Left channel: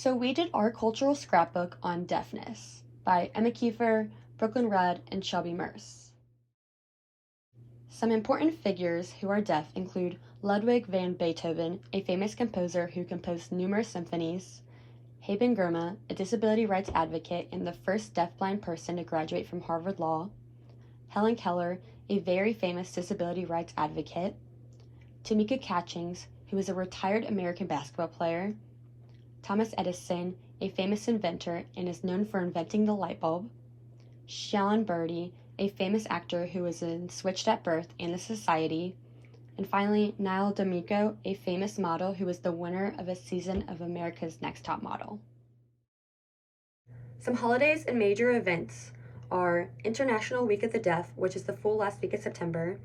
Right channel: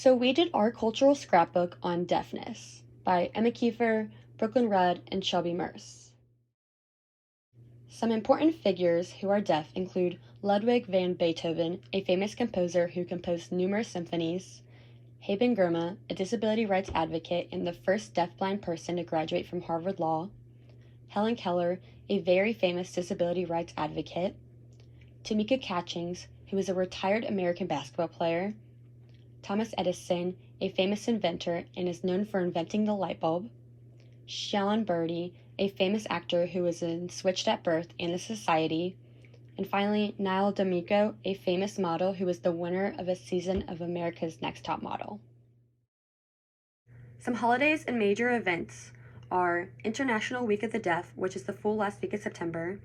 So we did our cultural scrapbook on deafness by Emma Kiefer, Brooklyn Rudd, and Shelby Merce. Some important figures who are deaf include Ludwig van Beethoven, a famous composer who composed numerous symphonies, Haben Girma, a disability rights advocate and the first deafblind person to graduate from Harvard Law, Helen Keller, a very famous disability rights advocate, Tamika Catchings, who is a retired American basketball player, Thomas Edison, a famous inventor and is known for inventing the light bulb, Shailene Birdie, a famous actor who was in Switched at Birth and the Society, and finally, Niall D'Amico, a famous model who was the winner of a season of America's Next Top Model. Some holidays and major events are International Week of the Deaf, which is the full last week of September,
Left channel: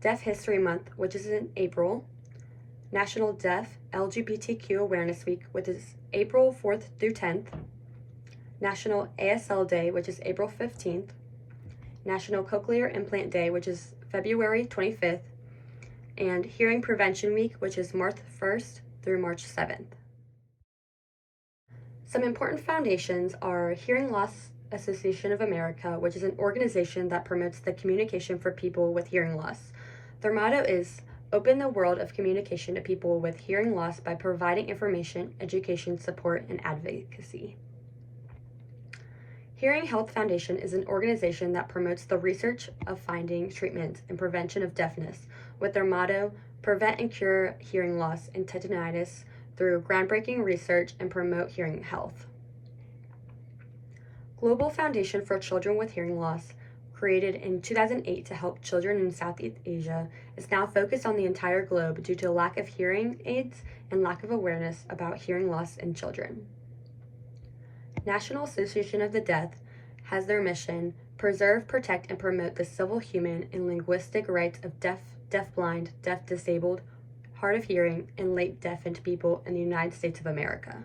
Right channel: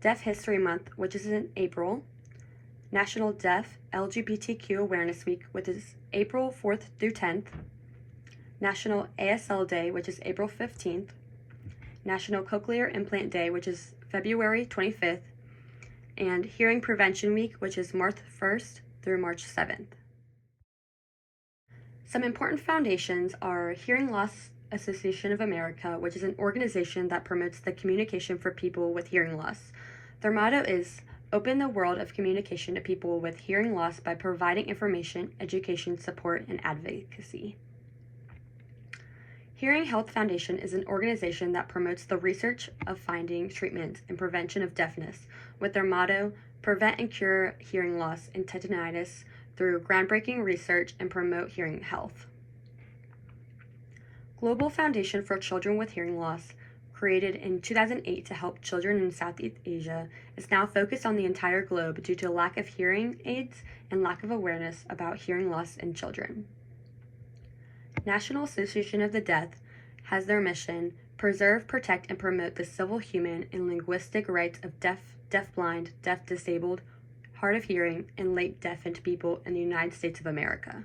Deaf History Month, which is in April, National Deaf LGBTQ Awareness Week, which is April 4th through 10th, National ASL Day, which is April 15th, National Cochlear Implant Day, which is February 25th, and Hearing Prevention Week, which is March 1st through March 7th. Some important foundations are Hearing Loss Association of America, which is an organization that promotes the communication for people with hearing loss. Their motto is open the world of communication to people with hearing loss by providing information, education, support, and advocacy. Hearing Health Foundation is an organization that promotes the research of finding, treatment, and prevention of deafness with their motto, prevent and cure hearing loss and tinnitus through groundbreaking research and promote hearing health. Global Foundation for Children with Hearing Loss, created in 2008 to help children in Southeast Asia, is now focused on the entire globe due to lack of hearing aids and lack of awareness about hearing loss in children. National Association of the Deaf has their mission, preserve, protect, and promote the civil, human, and linguistic rights of deaf, deafblind, deaf-disabled, hard of hearing, and late deafened people in the United States of America.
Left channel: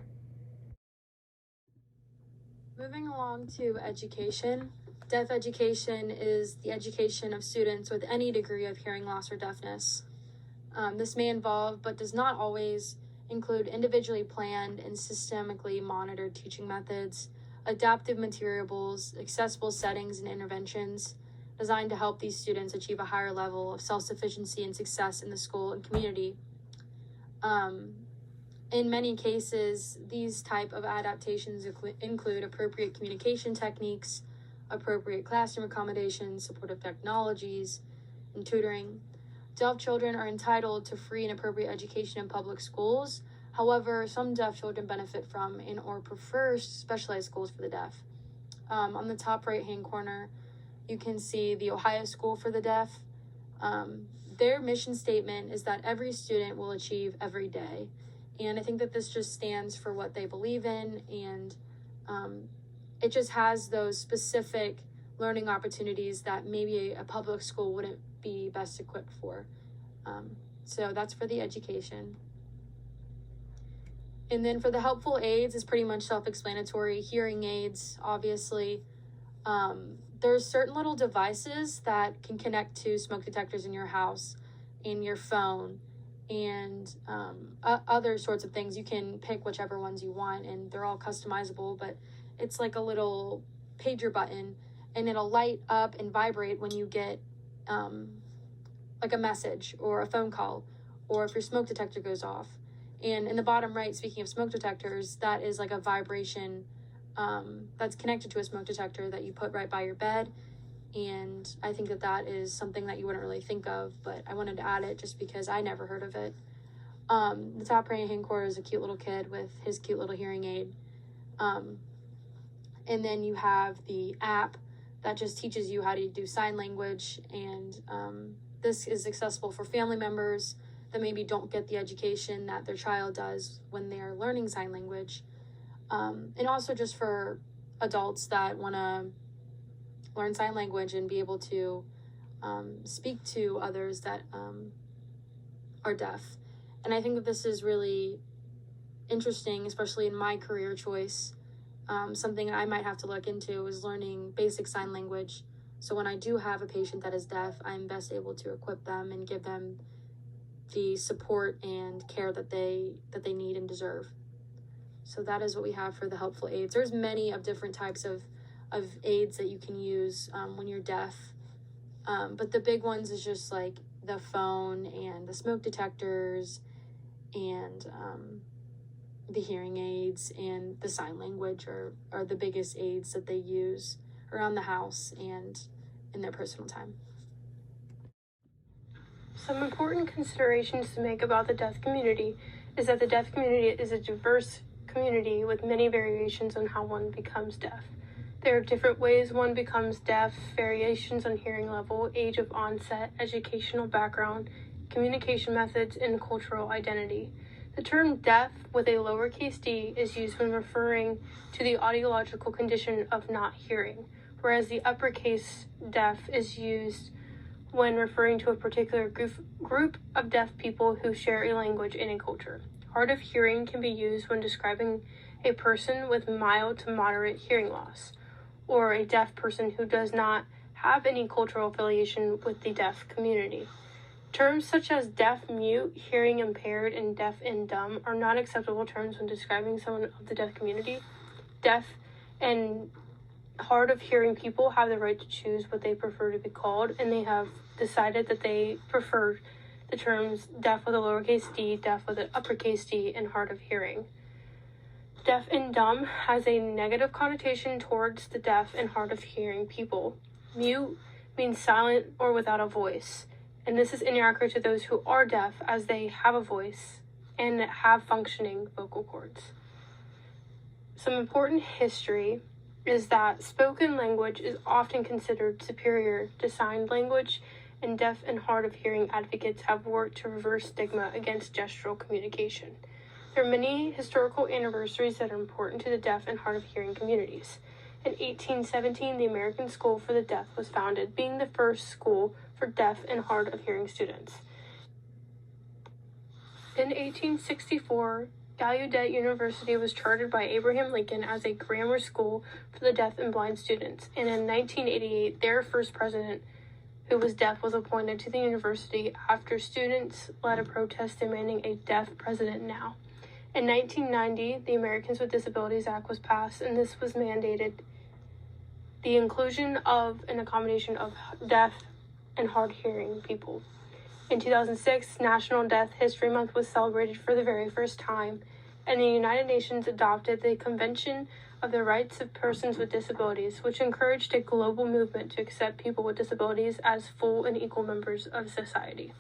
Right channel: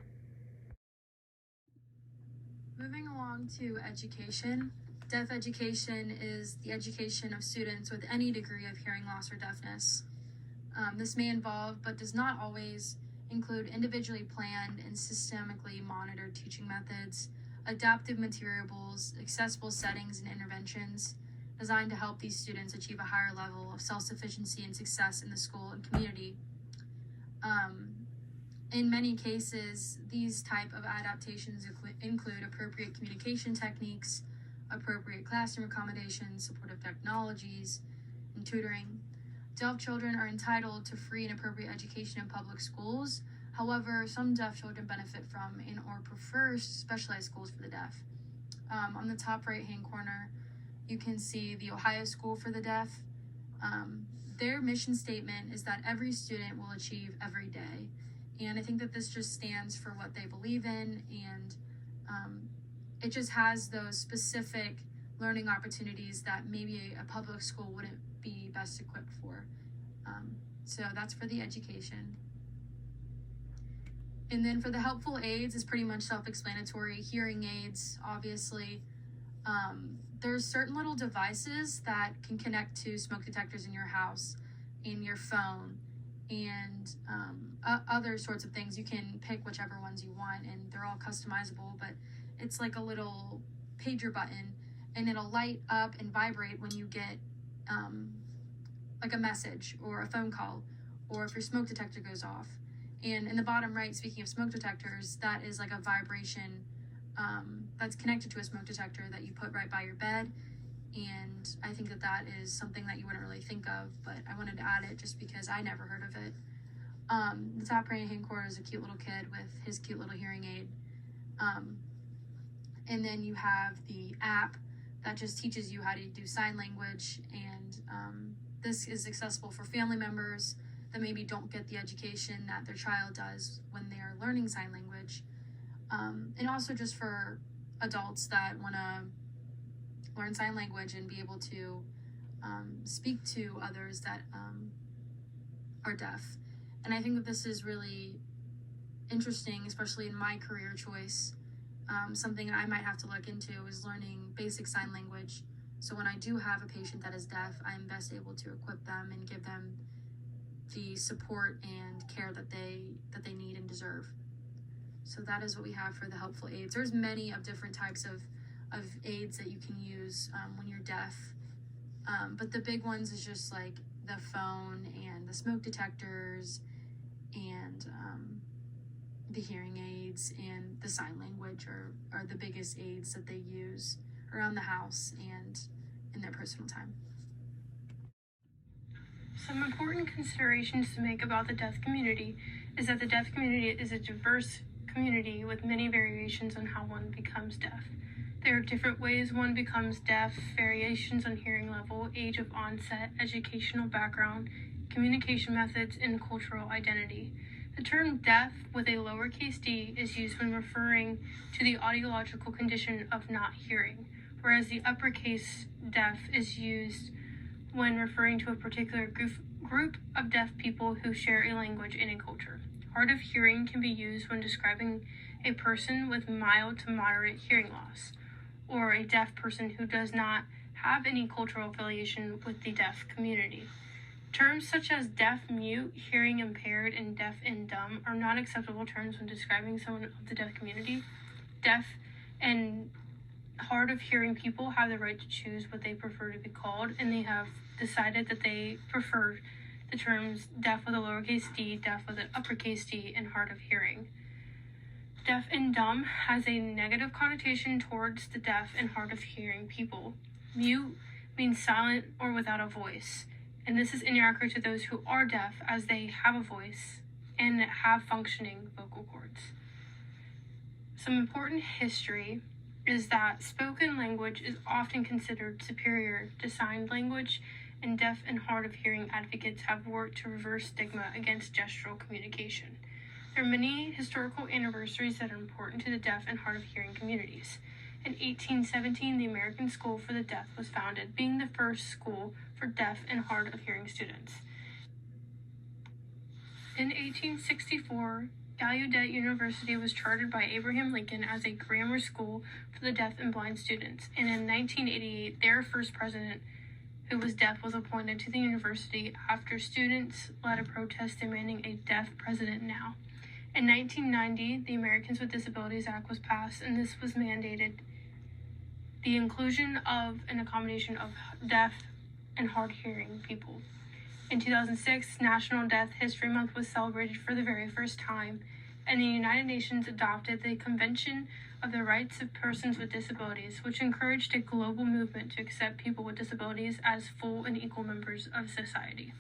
Moving along to education. Deaf education is the education of students with any degree of hearing loss or deafness. This may involve, but does not always, include individually planned and systemically monitored teaching methods, adaptive materials, accessible settings and interventions designed to help these students achieve a higher level of self-sufficiency and success in the school and community. In many cases, these type of adaptations include appropriate communication techniques, appropriate classroom accommodations, supportive technologies, and tutoring. Deaf children are entitled to free and appropriate education in public schools. However, some deaf children benefit from and or prefer specialized schools for the deaf. On the top right-hand corner, you can see the Ohio School for the Deaf. Their mission statement is that every student will achieve every day. And I think that this just stands for what they believe in, and it just has those specific learning opportunities that maybe a public school wouldn't be best equipped for. So that's for the education. And then for the helpful aids, is pretty much self-explanatory. Hearing aids, obviously. There's certain little devices that can connect to smoke detectors in your house, in your phone, and other sorts of things. You can pick whichever ones you want, and they're all customizable, but it's like a little pager button, and it'll light up and vibrate when you get like a message or a phone call, or if your smoke detector goes off. And in the bottom right, speaking of smoke detectors, that is like a vibration that's connected to a smoke detector that you put right by your bed. And I think that that is something that you wouldn't really think of, but I wanted to add it just because I never heard of it. The top right-hand corner is a cute little kid with his cute little hearing aid. And then you have the app that just teaches you how to do sign language, and this is accessible for family members that maybe don't get the education that their child does when they're learning sign language. And also just for adults that want to learn sign language and be able to speak to others that are deaf. And I think that this is really interesting, especially in my career choice. Something I might have to look into is learning basic sign language. So when I do have a patient that is deaf, I'm best able to equip them and give them the support and care that they need and deserve. So that is what we have for the helpful aids. There's many of different types of aids that you can use when you're deaf. But the big ones is just like the phone and the smoke detectors and the hearing aids and the sign language are the biggest aids that they use around the house and in their personal time. Some important considerations to make about the deaf community is that the deaf community is a diverse community with many variations on how one becomes deaf. There are different ways one becomes deaf, variations on hearing level, age of onset, educational background, communication methods, and cultural identity. The term deaf with a lowercase d is used when referring to the audiological condition of not hearing, whereas the uppercase deaf is used when referring to a particular group of deaf people who share a language and a culture. Hard of hearing can be used when describing a person with mild to moderate hearing loss, or a deaf person who does not have any cultural affiliation with the deaf community. Terms such as deaf mute, hearing impaired, and deaf and dumb are not acceptable terms when describing someone of the deaf community. Deaf and hard of hearing people have the right to choose what they prefer to be called, and they have decided that they prefer the terms deaf with a lowercase d, deaf with an uppercase d, and hard of hearing. Deaf and dumb has a negative connotation towards the deaf and hard of hearing people. Mute means silent or without a voice, and this is inaccurate to those who are deaf as they have a voice and have functioning vocal cords. Some important history is that spoken language is often considered superior to signed language, and deaf and hard of hearing advocates have worked to reverse stigma against gestural communication. There are many historical anniversaries that are important to the deaf and hard of hearing communities. In 1817, the American School for the Deaf was founded, being the first school for deaf and hard of hearing students. In 1864, Gallaudet University was chartered by Abraham Lincoln as a grammar school for the deaf and blind students, and in 1988, their first president, who was deaf, was appointed to the university after students led a protest demanding a deaf president now. In 1990, the Americans with Disabilities Act was passed, and this was mandated the inclusion of an accommodation of deaf and hard hearing people. In 2006, National Deaf History Month was celebrated for the very first time, and the United Nations adopted the Convention of the Rights of Persons with Disabilities, which encouraged a global movement to accept people with disabilities as full and equal members of society.